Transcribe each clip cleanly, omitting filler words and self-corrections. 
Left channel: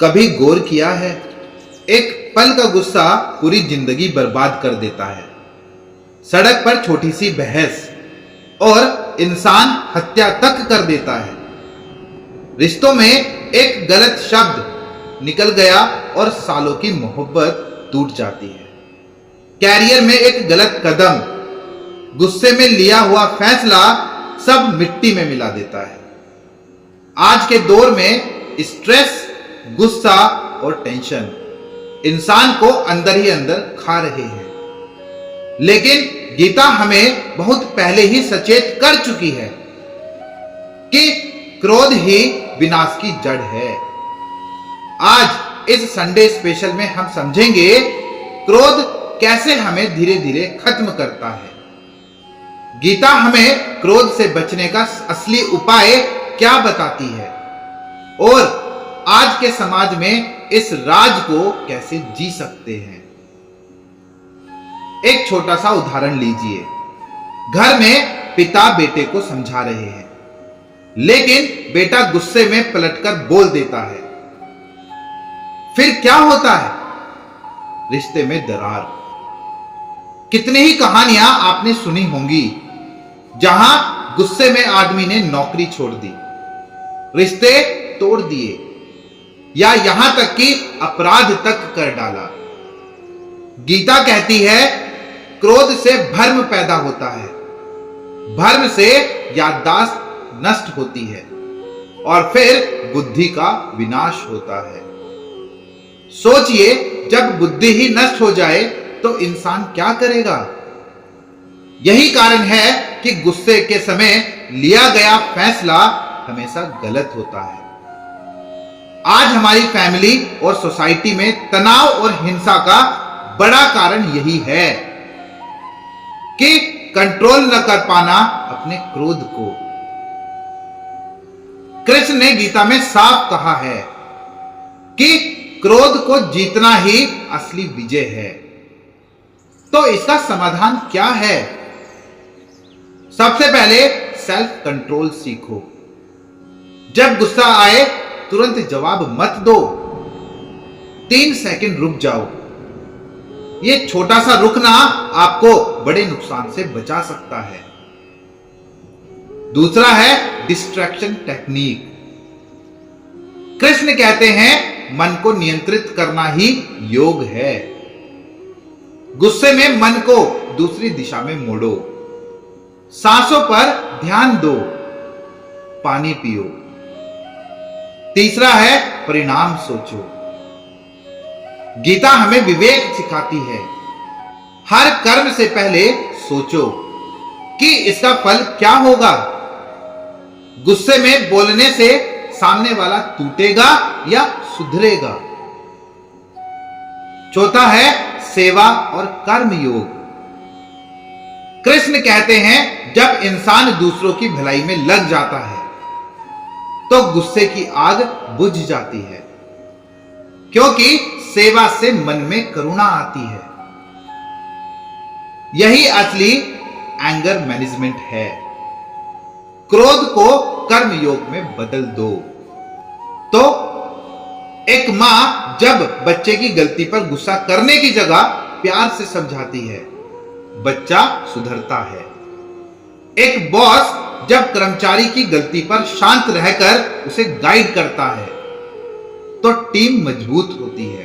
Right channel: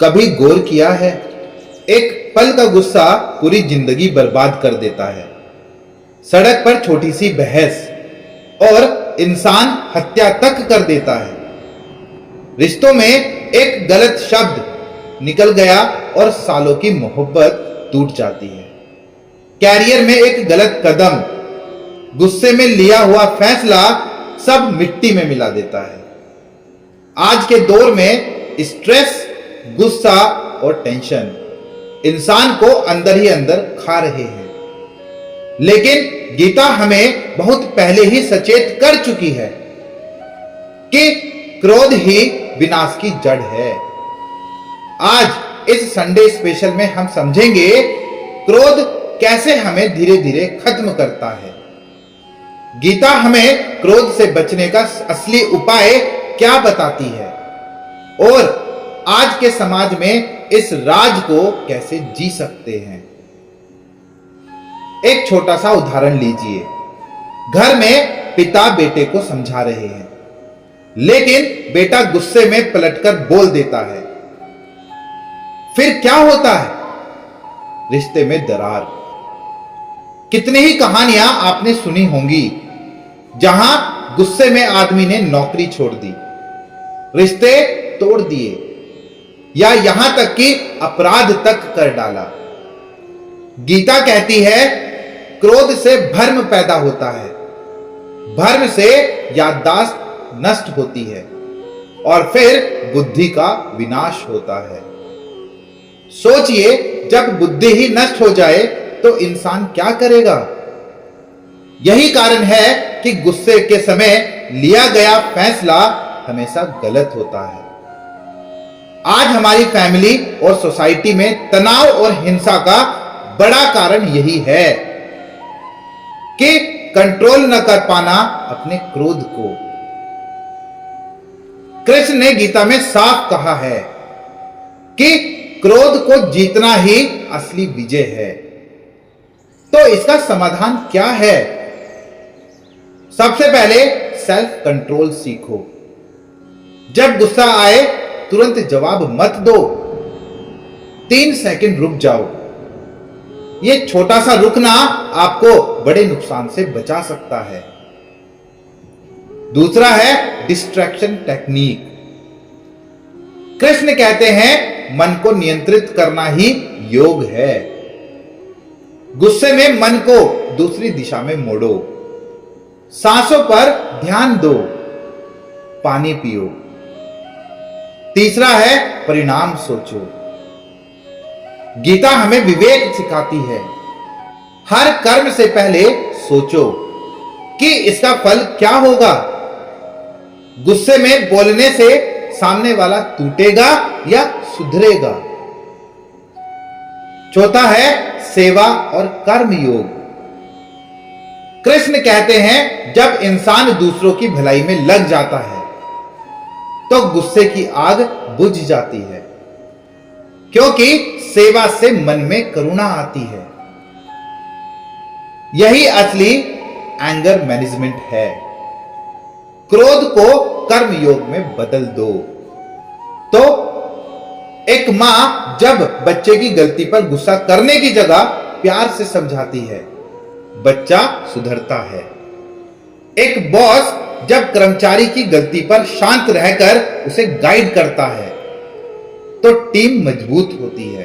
कभी गौर किया है, एक पल का गुस्सा पूरी जिंदगी बर्बाद कर देता है। सड़क पर छोटी सी बहस और इंसान हत्या तक कर देता है। रिश्तों में एक गलत शब्द निकल गया और सालों की मोहब्बत टूट जाती है। कैरियर में एक गलत कदम, गुस्से में लिया हुआ फैसला सब मिट्टी में मिला देता है। आज के दौर में स्ट्रेस, गुस्सा और टेंशन इंसान को अंदर ही अंदर खा रहे हैं। लेकिन गीता हमें बहुत पहले ही सचेत कर चुकी है कि क्रोध ही विनाश की जड़ है। आज इस संडे स्पेशल में हम समझेंगे क्रोध कैसे हमें धीरे धीरे खत्म करता है। गीता हमें क्रोध से बचने का असली उपाय क्या बताती है और आज के समाज में इस राज को कैसे जी सकते हैं। एक छोटा सा उदाहरण लीजिए। घर में पिता बेटे को समझा रहे हैं, लेकिन बेटा गुस्से में पलटकर बोल देता है। फिर क्या होता है? रिश्ते में दरार। कितनी ही कहानियां आपने सुनी होंगी जहां गुस्से में आदमी ने नौकरी छोड़ दी, रिश्ते तोड़ दिए या यहां तक कि अपराध तक कर डाला। गीता कहती है क्रोध से भ्रम पैदा होता है, भ्रम से याददाश्त नष्ट होती है और फिर बुद्धि का विनाश होता है। सोचिए, जब बुद्धि ही नष्ट हो जाए तो इंसान क्या करेगा? यही कारण है कि गुस्से के समय लिया गया फैसला हमेशा गलत होता है। आज हमारी फैमिली और सोसाइटी में तनाव और हिंसा का बड़ा कारण यही है कि कंट्रोल न कर पाना अपने क्रोध को। कृष्ण ने गीता में साफ कहा है कि क्रोध को जीतना ही असली विजय है। तो इसका समाधान क्या है? सबसे पहले सेल्फ कंट्रोल सीखो। जब गुस्सा आए तुरंत जवाब मत दो, 3 सेकंड रुक जाओ। यह छोटा सा रुकना आपको बड़े नुकसान से बचा सकता है। दूसरा है डिस्ट्रैक्शन टेक्निक। कृष्ण कहते हैं मन को नियंत्रित करना ही योग है। गुस्से में मन को दूसरी दिशा में मोड़ो, सांसों पर ध्यान दो, पानी पियो। तीसरा है परिणाम सोचो। गीता हमें विवेक सिखाती है। हर कर्म से पहले सोचो कि इसका फल क्या होगा। गुस्से में बोलने से सामने वाला टूटेगा या सुधरेगा। चौथा है सेवा और कर्म योग। कृष्ण कहते हैं जब इंसान दूसरों की भलाई में लग जाता है तो गुस्से की आग बुझ जाती है, क्योंकि सेवा से मन में करुणा आती है। यही असली एंगर मैनेजमेंट है। क्रोध को कर्म योग में बदल दो। तो एक मां जब बच्चे की गलती पर गुस्सा करने की जगह प्यार से समझाती है, बच्चा सुधरता है। एक बॉस जब कर्मचारी की गलती पर शांत रहकर उसे गाइड करता है तो टीम मजबूत होती है।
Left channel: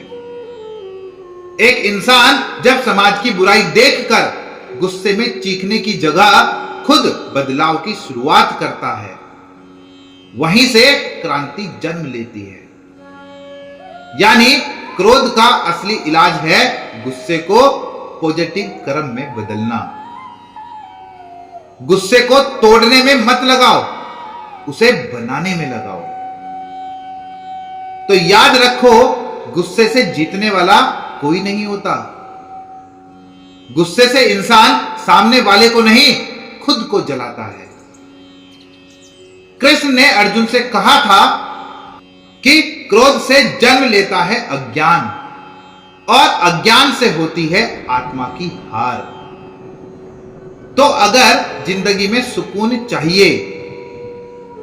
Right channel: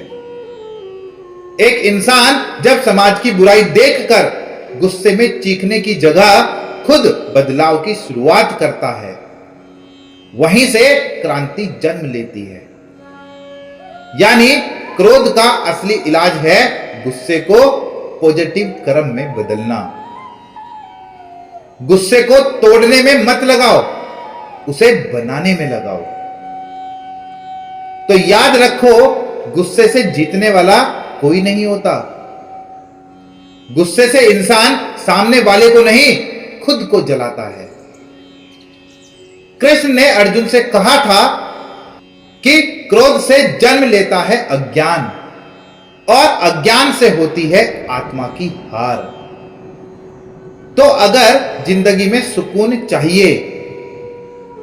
एक इंसान जब समाज की बुराई देखकर गुस्से में चीखने की जगह खुद बदलाव की शुरुआत करता है, वहीं से क्रांति जन्म लेती है। यानी क्रोध का असली इलाज है गुस्से को पॉजिटिव कर्म में बदलना। गुस्से को तोड़ने में मत लगाओ, उसे बनाने में लगाओ। तो याद रखो, गुस्से से जीतने वाला कोई नहीं होता। गुस्से से इंसान सामने वाले को नहीं, खुद को जलाता है। कृष्ण ने अर्जुन से कहा था कि क्रोध से जन्म लेता है अज्ञान और अज्ञान से होती है आत्मा की हार। तो अगर जिंदगी में सुकून चाहिए,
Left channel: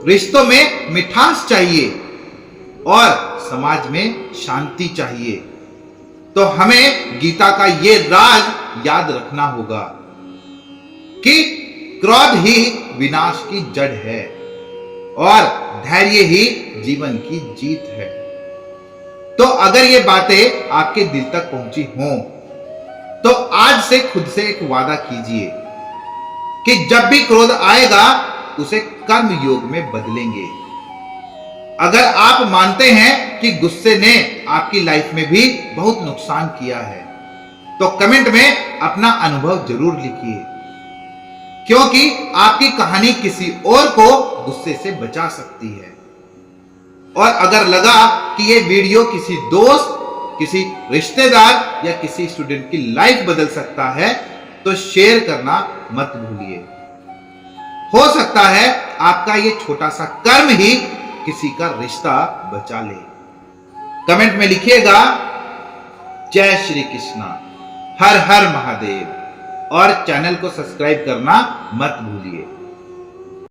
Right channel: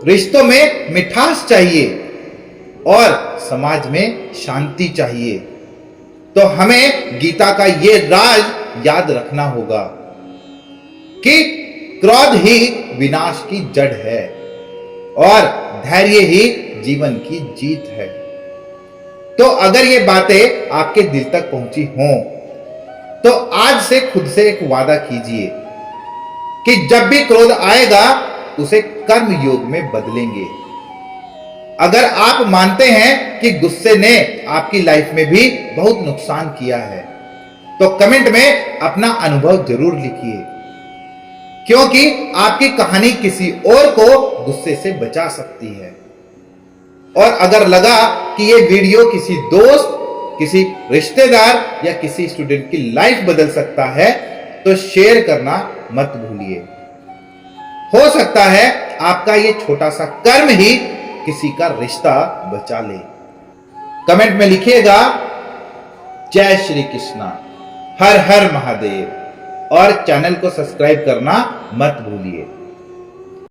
रिश्तों में मिठास चाहिए और समाज में शांति चाहिए, तो हमें गीता का ये राज याद रखना होगा कि क्रोध ही विनाश की जड़ है और धैर्य ही जीवन की जीत है। तो अगर ये बातें आपके दिल तक पहुंची हों, तो आज से खुद से एक वादा कीजिए कि जब भी क्रोध आएगा उसे कर्म योग में बदलेंगे। अगर आप मानते हैं कि गुस्से ने आपकी लाइफ में भी बहुत नुकसान किया है, तो कमेंट में अपना अनुभव जरूर लिखिए, क्योंकि आपकी कहानी किसी और को गुस्से से बचा सकती है। और अगर लगा कि यह वीडियो किसी दोस्त, किसी रिश्तेदार या किसी स्टूडेंट की लाइफ बदल सकता है, तो शेयर करना मत भूलिए। हो सकता है आपका यह छोटा सा कर्म ही किसी का रिश्ता बचा ले। कमेंट में लिखिएगा जय श्री कृष्णा, हर हर महादेव, और चैनल को सब्सक्राइब करना मत भूलिए।